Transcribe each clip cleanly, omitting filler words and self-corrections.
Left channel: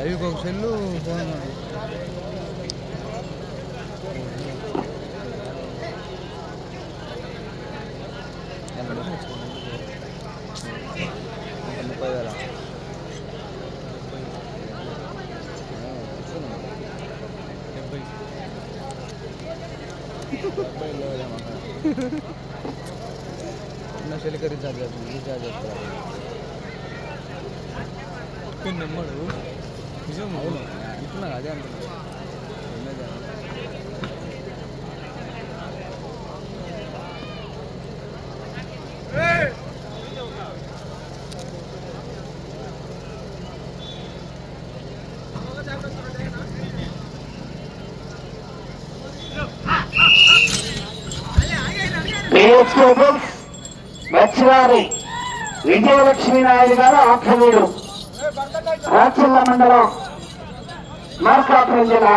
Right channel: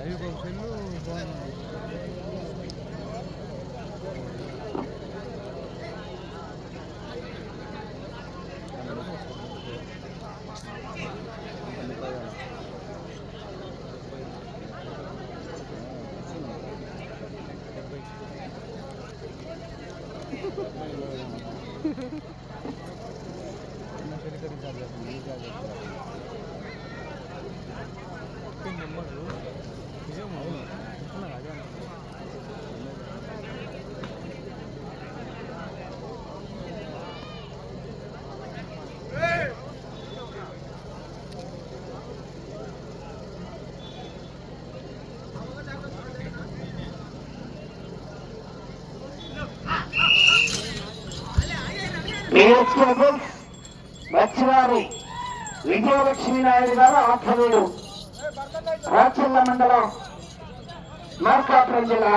Live ఒక cell phone సెల్కి recharge recharge number నిజం ఇస్తున్నా అదే మచ్చివారి విజయలక్ష్మీ నాయుడు గారు ఆఖ్యమీడు రాచల్ల మండలం మార్కాపురం జిల్లా.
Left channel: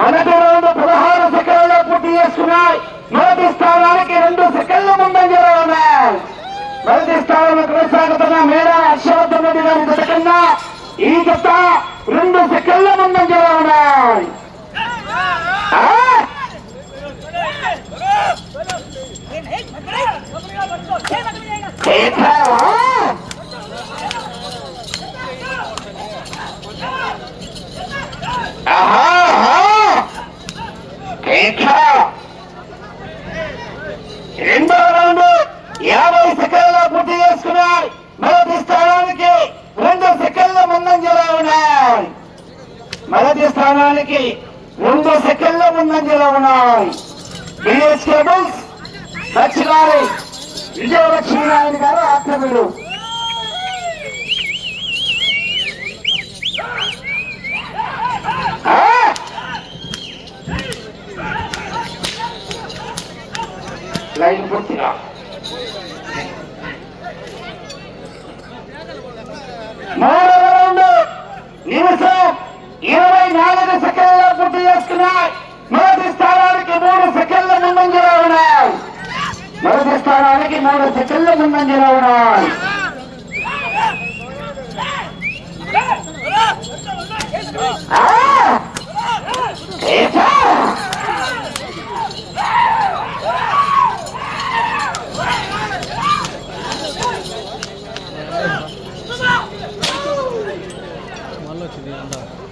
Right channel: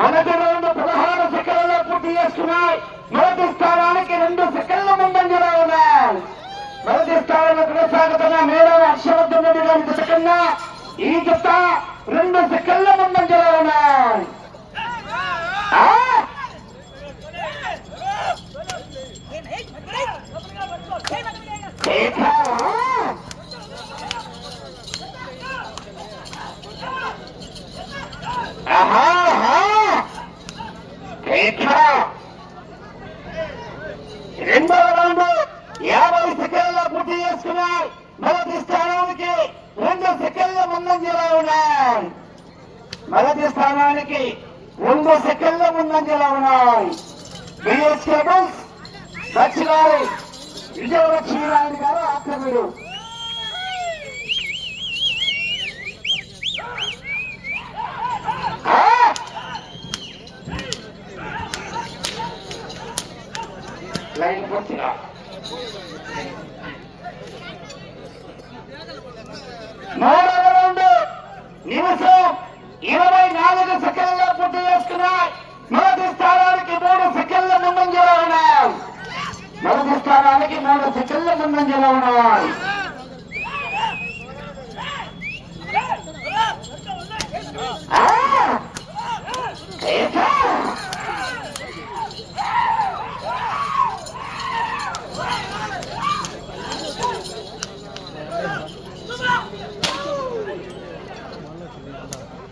మొదటి రౌండ్ 16 సెకండ్లలో పూర్తి చేస్తున్నాయి. మొదటి స్థానానికి 2 సెకండ్ల ముందంజలో ఉన్నాయి. మొదటి స్థానంలో కొనసాగుతున్న మేరా హర్షవర్ధన్ రెడ్డి గారి జత కన్నా ఈ జత 2 సెకండ్ల ముందంజలో ఉన్నాయి. రెండో రౌండ్ 50 సెకండ్లలో పూర్తి చేసుకున్నాయి. మొదటి స్థానానికి 2 సెకండ్ల ముందంజలో ఉన్నాయి. మొదటి స్థానానికి 2 సెకండ్ల ముందంజలో ఉన్నాయి. బిఎస్ కేబుల్స్ దక్షిణారి విజయలక్ష్మీ నాయుడు గారు ఆక్రమణుడు. లైన్ పూర్తిగా మూడవ రౌండ్ నిమిషం 24 సెకండ్లలో పూర్తి చేసుకున్నాయి. మొదటి స్థానానికి 3 సెకండ్ల ముందంజలో ఉన్నాయి. మొదటి స్థానానికి 3 సెకండ్ల ముందంజలో ఉన్నాయి.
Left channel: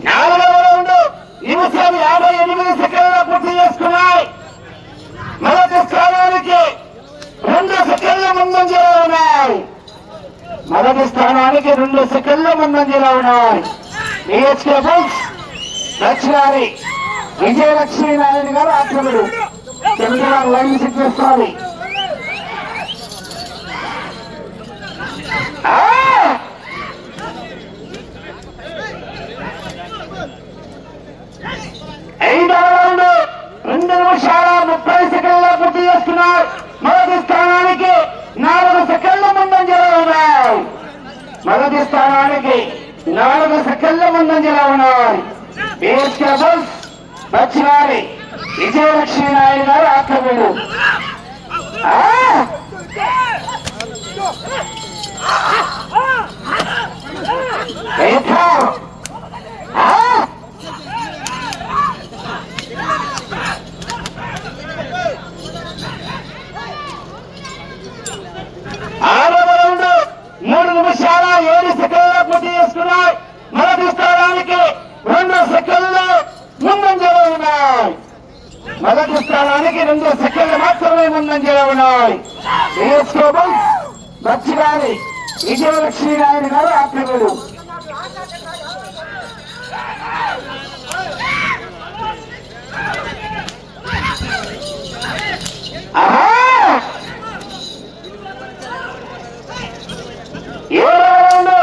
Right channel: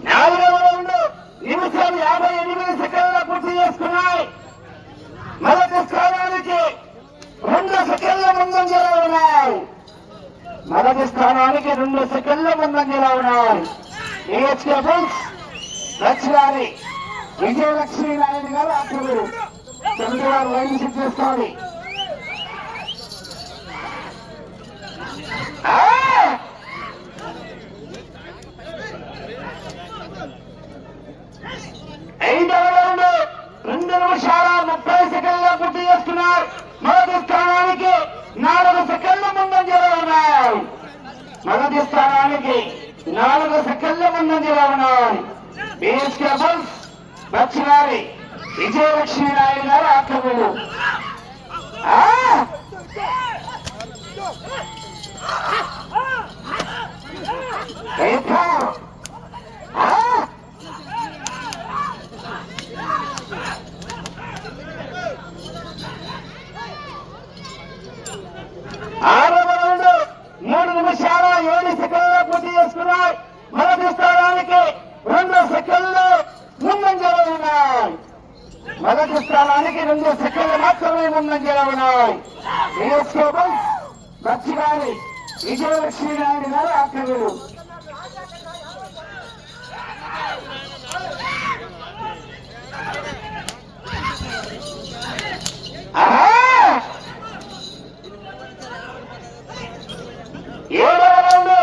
నాలుగవ రౌండ్ నిమిషం 58 సెకండ్ల పూర్తి చేసుకున్నాయి. మొదటి స్థానానికి 2 సెకండ్ల ముందంజలో ఉన్నాయి. మొదటి స్థానానికి 2 సెకండ్ల ముందంజలో ఉన్నాయి. దక్షిణారి విజయలక్ష్మీ నాయుడు గారు ఆక్రమణుడు. లైన్ సెట్ చేసుకోవాలి. ఐదవ రౌండ్ 2 నిమిషాల 30 సెకండ్ల పూర్తి చేసుకున్నారు. మొదటి స్థానానికి 4 సెకండ్ల ముందంజలో ఉన్నాయి. మొదటి స్థానానికి 4 సెకండ్ల ముందంజలో ఉన్నాయి. దక్షిణారి విజయలక్ష్మీ నాయుడు గారు ఆక్రమణుడు. ఆరవ రౌండ్ 3 నిమిషాల 7 సెకండ్ల పూర్తి చేసుకున్నాయి. మొదటి స్థానానికి 2 సెకండ్లు ముందంజలో ఉన్నాయి. మొదటి స్థానానికి 2 సెకండ్లు మాత్రమే ముందంజలో ఉన్నాయి. దక్షిణారి విజయలక్ష్మీ నాయుడు గారు ఆక్రమణుడు. ఏడవ రౌండ్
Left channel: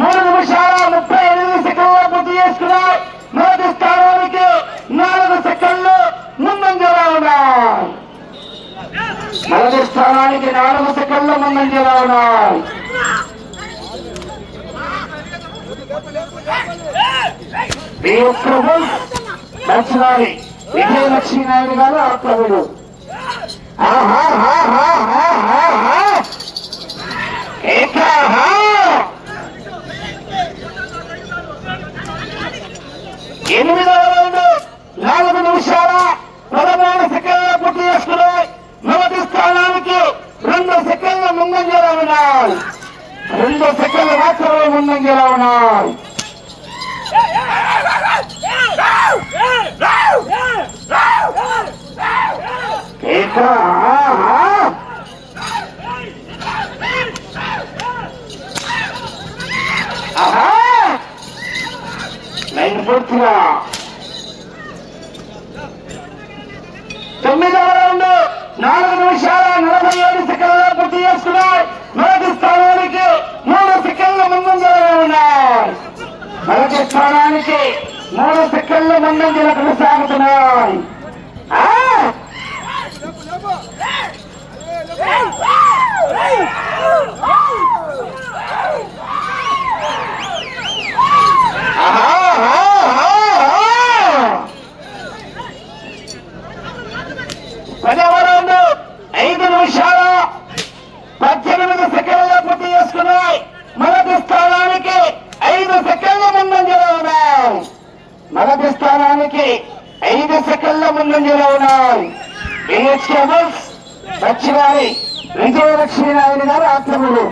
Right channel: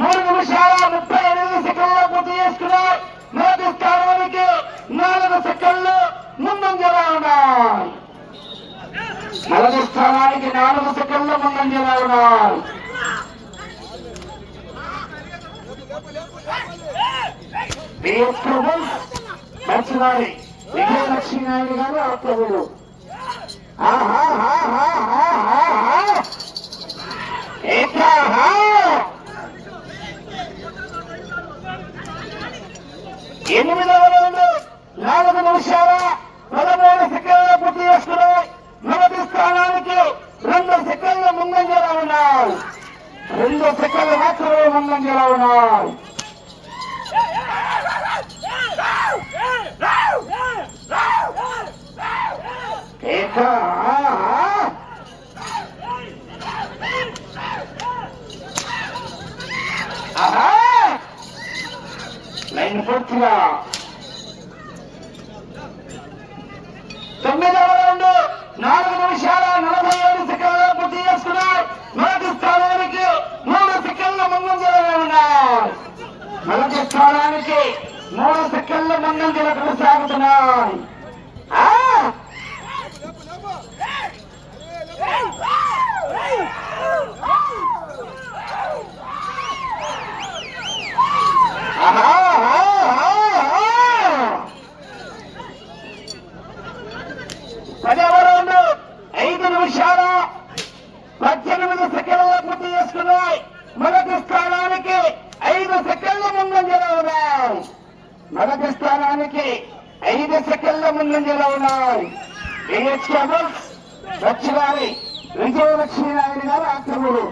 3 నిమిషాల 38 సెకండ్ల పూర్తి చేసుకున్నాయి. మొదటి స్థానానికి 4 సెకండ్లు ముందంజలో ఉన్నాయి. మొదటి స్థానానికి 4 సెకండ్ల ముందంజలో ఉన్నాయి. దక్షిణారి విజయలక్ష్మీ నాయుడు గారు ఆక్రమణుడు. 8వ రౌండ్ 4 నిమిషాల 13 సెకండ్లు పూర్తి చేసుకున్నాయి. మొదటి స్థానానికి 2 సెకండ్ల ముందంజలో ఉన్నాయి. 2 సెకండ్లు మాత్రమే ముందంజలో ఉన్నాయి. లైన్ పూర్తిగా 9వ రౌండ్ 4 నిమిషాల 47 సెకండ్లు పూర్తి చేసుకున్నాయి. మొదటి స్థానానికి 3 సెకండ్ల ముందంజలో ఉన్నాయి. మొదటి స్థానానికి 3 సెకండ్ల ముందంజలో కొనసాగుతున్నాయి. పదవ రౌండ్ 5 నిమిషాల 18 సెకండ్లు పూర్తి చేసుకున్నాయి. మొదటి స్థానానికి 5 సెకండ్ల ముందంజలో ఉన్నాయి. మొదటి స్థానానికి 5 సెకండ్ల ముందంజలో ఉన్నాయి. వచ్చివారి విజయలక్ష్మీ నాయుడు గారు ఆక్రమణలు.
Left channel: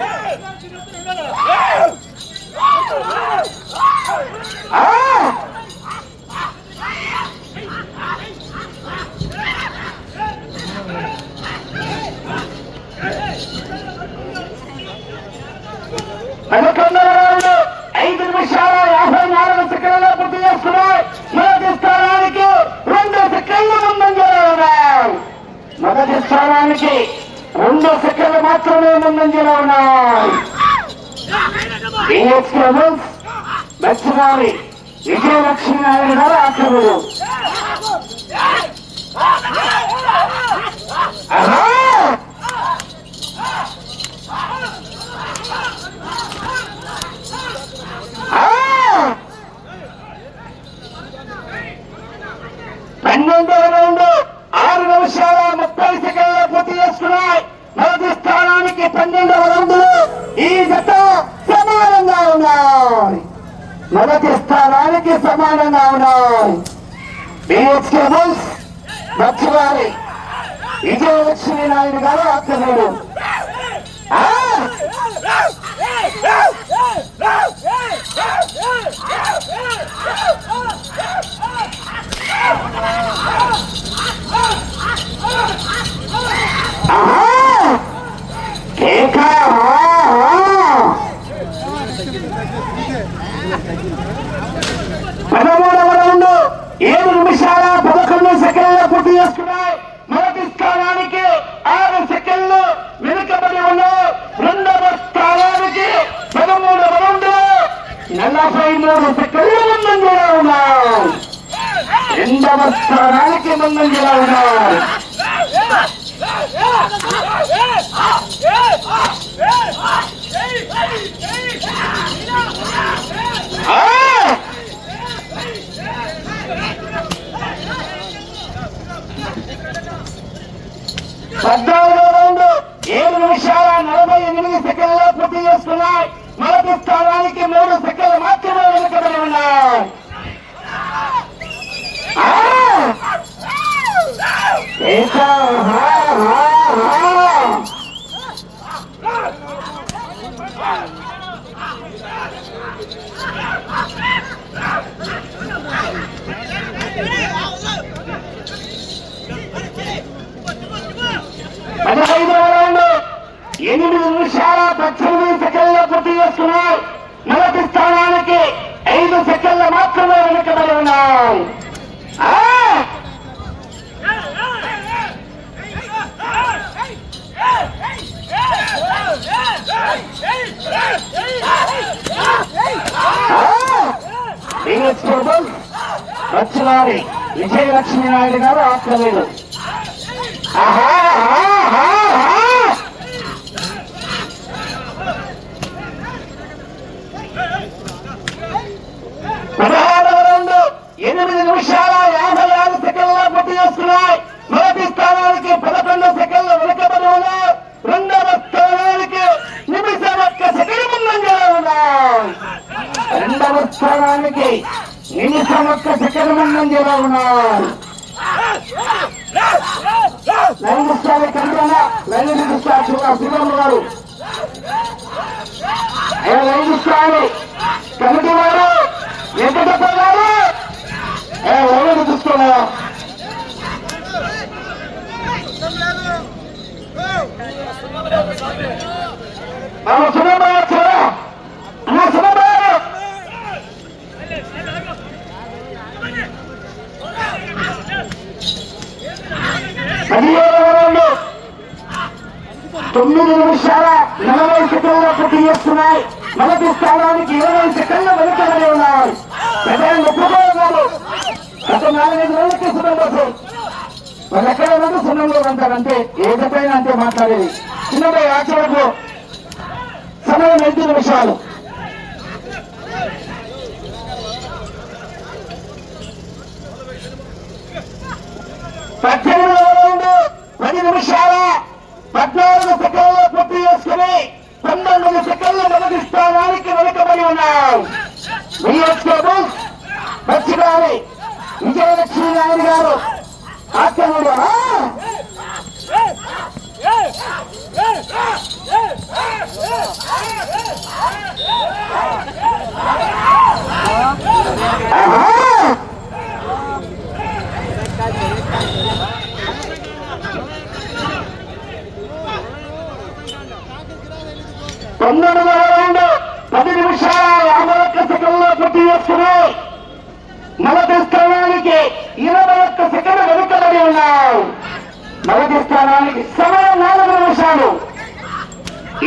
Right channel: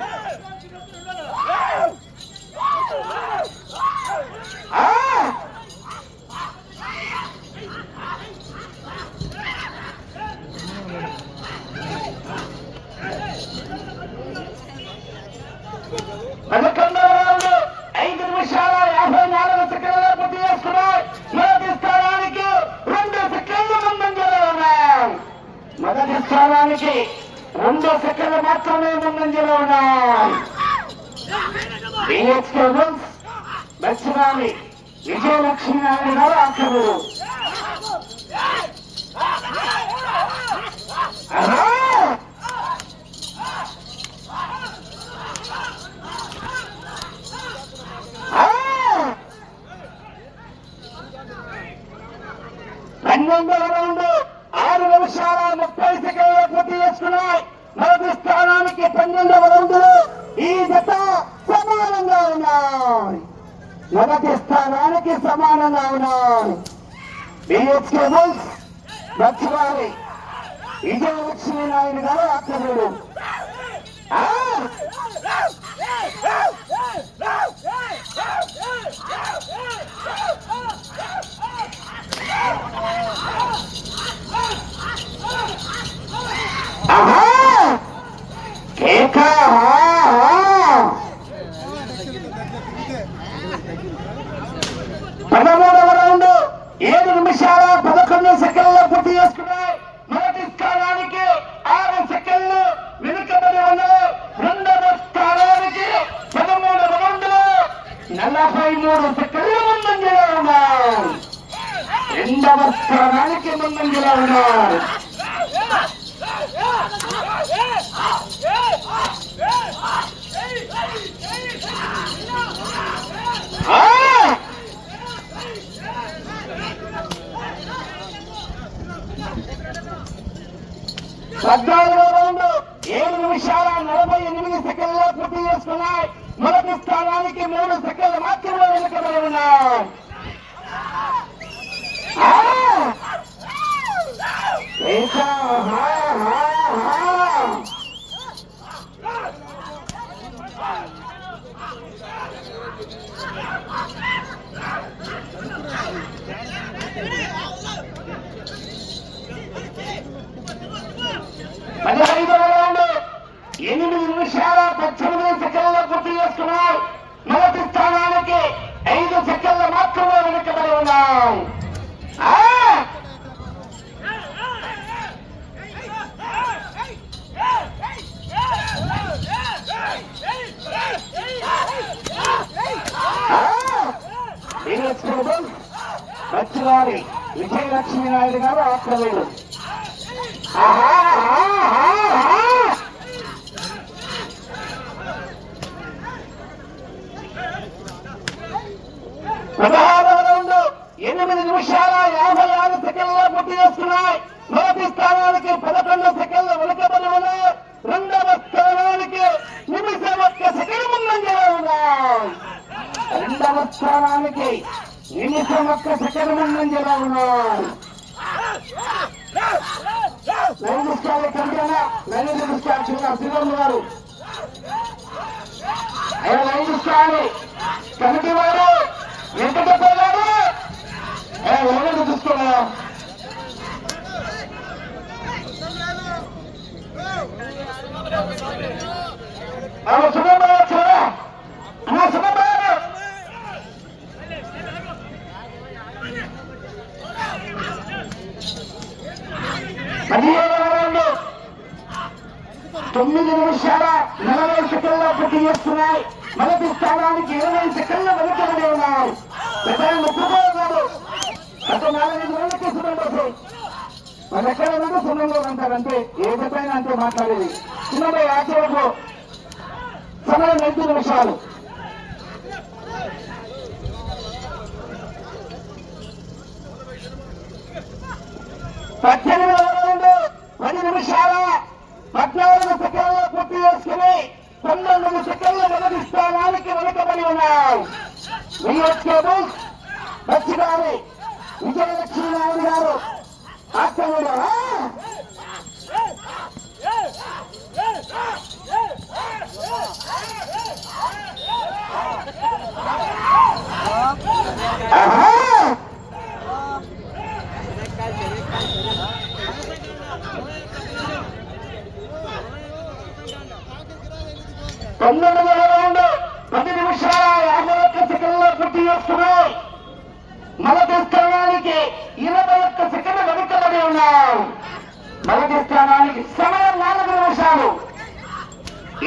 పదకొండవ రౌండ్ 5 నిమిషాల 54 సెకండ్లు పూర్తి చేస్తున్నాయి. మొదటి స్థానానికి 2 సెకండ్ల ముందంజలో ఉన్నాయి. మొదటి స్థానానికి 2 సెకండ్లు మాత్రమే ముందంజలో ఉన్నాయి. దక్షిణారి విజయలక్ష్మీ నాయుడు గారు ఆక్రమణలు. పన్నెండవ రౌండ్ 6 నిమిషాల 30 సెకండ్లు పూర్తి చేసుకున్నాయి. మొదటి స్థానానికి 12వ రౌండ్లు ఈ జత సమానంగా ఉన్నాయి. మొదటి స్థానానికి సమానంగా ఉన్నాయి. బిహెచ్ కేబుల్స్ వచ్చివారి విజయలక్ష్మీ నాయుడు గారు ఆక్రమణలు. పదమూడవ రౌండ్ 7 నిమిషాల 11 సెకండ్లు పూర్తి చేసుకున్నాయి. మొదటి స్థానానికి 6 సెకండ్లు వెనుకబడి ఉన్నాయి. రెండవ స్థానానికి 13వ రౌండ్ 43 సెకండ్లు ముందంజలో ఉన్నాయి. రెండవ స్థానానికి ముందంజలో ఉన్నాయి. పద్నాలుగో రౌండ్ 7 నిమిషాల 48 సెకండ్లు పూర్తి చేసుకున్నాయి. మొదటి స్థానానికి 3 సెకండ్లు మాత్రమే వెనుకబడి ఉన్నాయి. పదహైదవ రౌండ్ 8 నిమిషాల 18 సెకండ్లు పూర్తి చేసుకున్నాయి. మొదటి స్థానానికి 5 సెకండ్లు మాత్రమే వెనుకబడి ఉన్నాయి. వచ్చివారి విజయలక్ష్మీ నాయుడు గారు ఆక్రమణలు. పదహారవ రౌండ్ 8 నిమిషాల 56 సెకండ్లు పూర్తి చేసుకున్నాయి. మొదటి స్థానానికి 11 సెకండ్లు వెనుకబడి ఉన్నాయి. రెండవ స్థానానికి 1 సెకండ్ ముందంజలో ఉన్నాయి. రెండవ స్థానానికి 1 సెకండ్ ముందంజలో ఉన్నారు. లైన్ ఇష్టాలే కంటే లైన్ ఇష్టాలు చూడ శ్రీరాములు గారు లైన్ ఇష్టాలు కమిటీ వారు వెంకటేశ్వర గారు లైన్ చూసుకోలేదు. తొమ్మిది నిమిషాల 40 సెకండ్ల పూర్తి చేస్తున్నాయి. మొదటి స్థానానికి 20 సెకండ్ల వెనుకబడి ఉన్నారు. గత 4 రోజులకి సుబ్రహ్మణ్యం వాళ్ళు ఎక్కడ ఉన్నది సున్నంలో అంటారంటే ఏదైనా అంతే మాట్లాడేది. చిన్నపై ఆచరణలో సమయం 5 నిమిషాలు. పద్దెనిమిది 10 నిమిషాల 14 సెకండ్ల పూర్తి చేసుకుని 19 సెకండ్ల మొదటి స్థానానికి వెనుకబడి ఉన్నారు. పచ్చిగారి విజయలక్ష్మి నాయుడు గారు ఆత్మూరు రౌండ్ 10 నిమిషాల 51 సెకండ్లో పూర్తి చేసుకున్నారు. మొదటి స్థానానికి 21 సెకండ్లు వెనుకబడి ఉన్నారు. మొదటి స్థానానికి సమయం 4 నిమిషాలు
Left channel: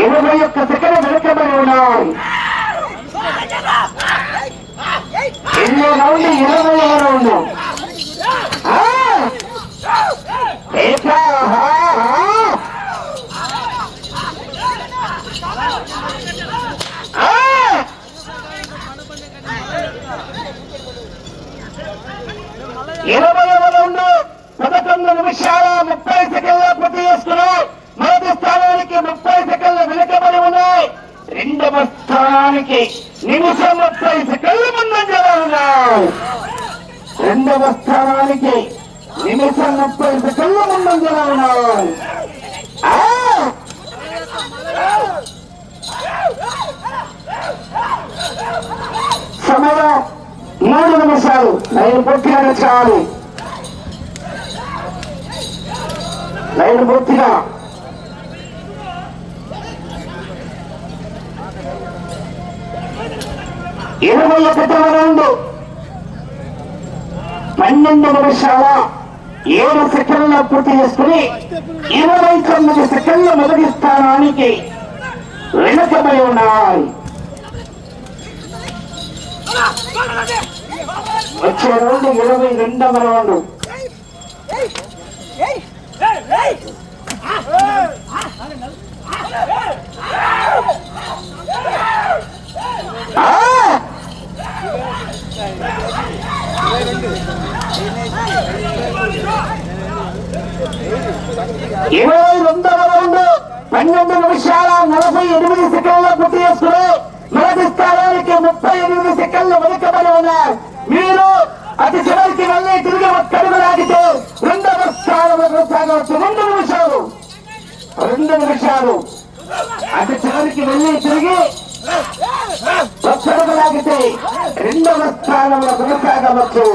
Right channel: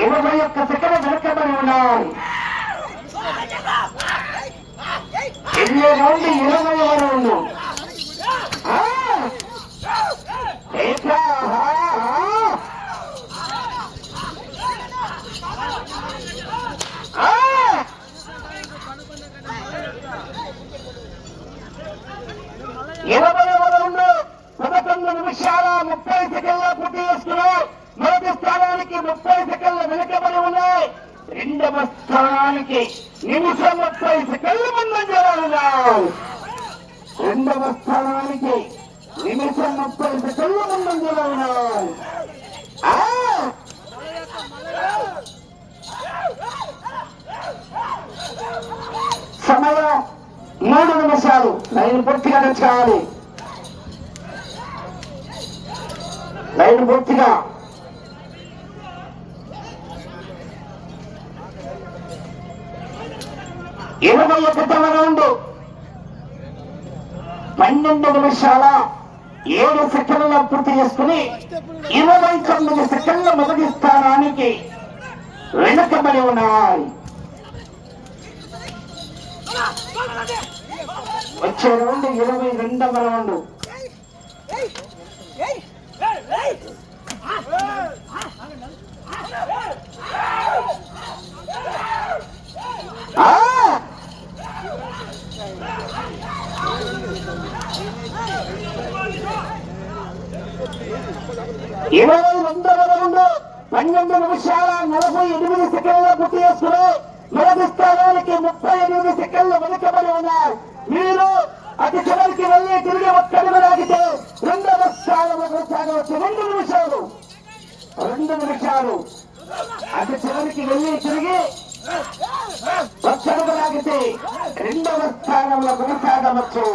21 సెకండ్లు వెనుకబడి ఉన్నారు. ఎన్ని రౌండ్ 20వ రౌండ్ రౌండ్ 11 నిమిషాల 30 సెకండ్ల పూర్తి చేసుకున్నారు. మొదటి స్థానానికి 30 సెకండ్లు వెనుకబడి ఉన్నాయి. రెండవ స్థానానికి నిమిషం 30 సెకండ్లు ముందంజలో ఉన్నారు. రెండవ స్థానానికి నిమిషం 30 సెకండ్లు ముందంజలో ఉన్నారు. సమయం 3 నిమిషాలు. లైన్ పూర్తిగా చాలి. లైన్ పూర్తిగా 21వ రౌండ్ 12 నిమిషాల 7 సెకండ్ల పూర్తి చేసుకుని 29 సెకండ్ల మొదటి స్థానానికి వెనుకబడి ఉన్నారు. వచ్చే రౌండ్ 22వ రౌండ్. ఇరవై 22వ రౌండ్ 12 నిమిషాల 48 సెకండ్ల పూర్తి చేసుకుని మొదటి స్థానానికి 38 సెకండ్లు వెనుకబడి ఉన్నారు. మీరు అతి చివరికి వెళ్ళి తిరిగి ఒక్కడుగు లాగితే రెండవ స్థానంలో కొనసాగవచ్చు. 2 నిమిషాలు అతి చివరికి వెళ్ళి తిరిగి ఒక్కడుగు లాగితే రెండవ స్థానంలో కొనసాగవచ్చు.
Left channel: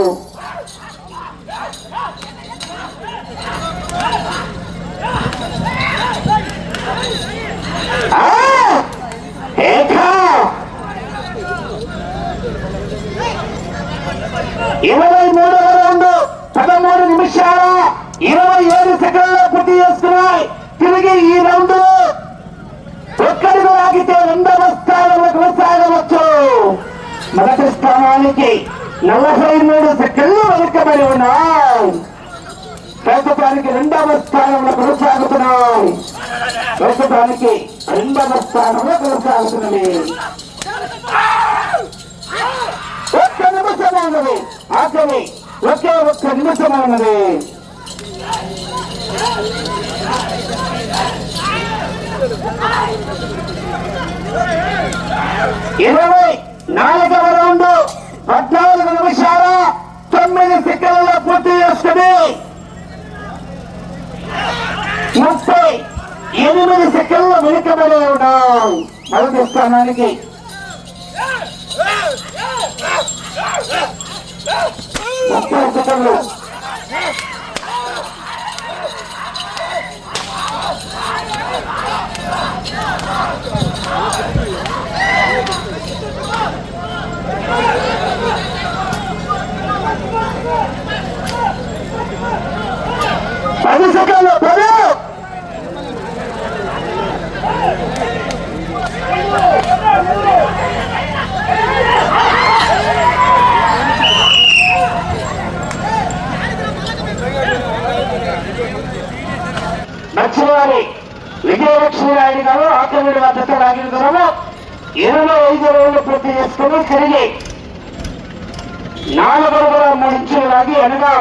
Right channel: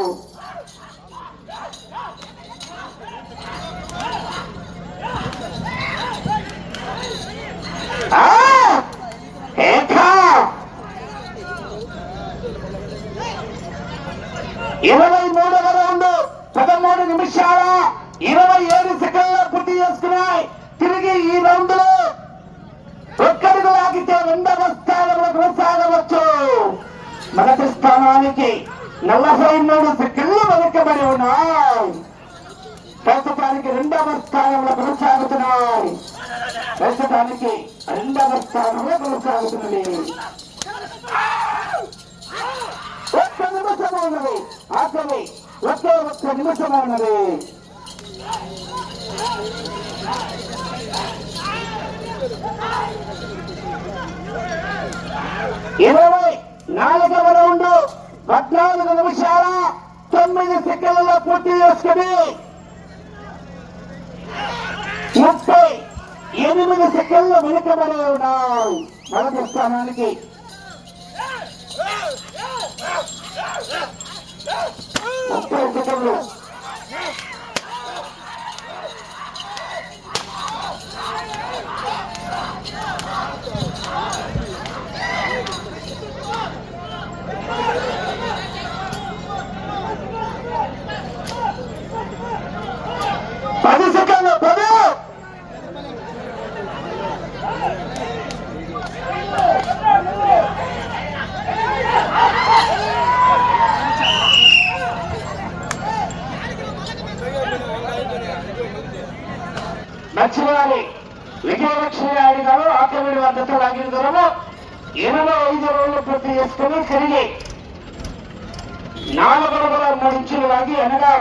ఇరవై 23వ రౌండ్ 13 నిమిషాల 27 సెకండ్ల పూర్తి చేసుకున్నాయి. తిరిగి ఈ రౌండ్ లో ఒక్కడుగు లాగితే రెండవ స్థానంలో కొనసాగవచ్చు. మొదటి స్థానానికి 43 సెకండ్లు వెనుకబడి ఉన్నాయి. ప్రస్తుతానికి రెండవ స్థానంలో కొనసాగుతున్నాయి. ప్రస్తుతానికి రెండవ స్థానంలో కొనసాగుతున్నది. ఒక్క నిమిషం ఉన్నది. ఆఖరి ఒకే ఒక్క నిమిషం ఉన్నది. 24వ రౌండ్ 14 నిమిషాల 9 సెకండ్లు 8 సెకండ్లు వెనుకబడి ఉన్నాయి మొదటి స్థానానికి. 30 సెకండ్లు. నచ్చినవారి విజయలక్ష్మి నాయుడు గారు ఆకలి మద్దతు లాగిన దూరంలో 25 రోజులు పూర్తి చేసుకుని తిరిగి 4 అడుగుల 3 ఇంచులు లాగి అనగా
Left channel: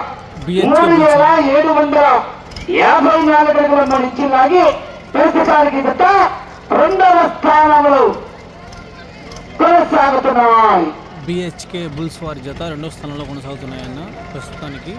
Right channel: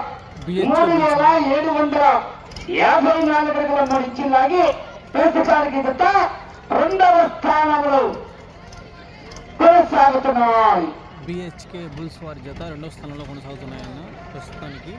3754 అడుగుల 3 ఇంచులు లాగి ప్రస్తుతానికి గత 2వ స్థానంలో కొనసాగుతున్నాయి. బిహెచ్కే బుల్స్ వారి జత 2వ స్థానంలో కొనసాగుతున్నాయన్న ప్రస్తుతానికి.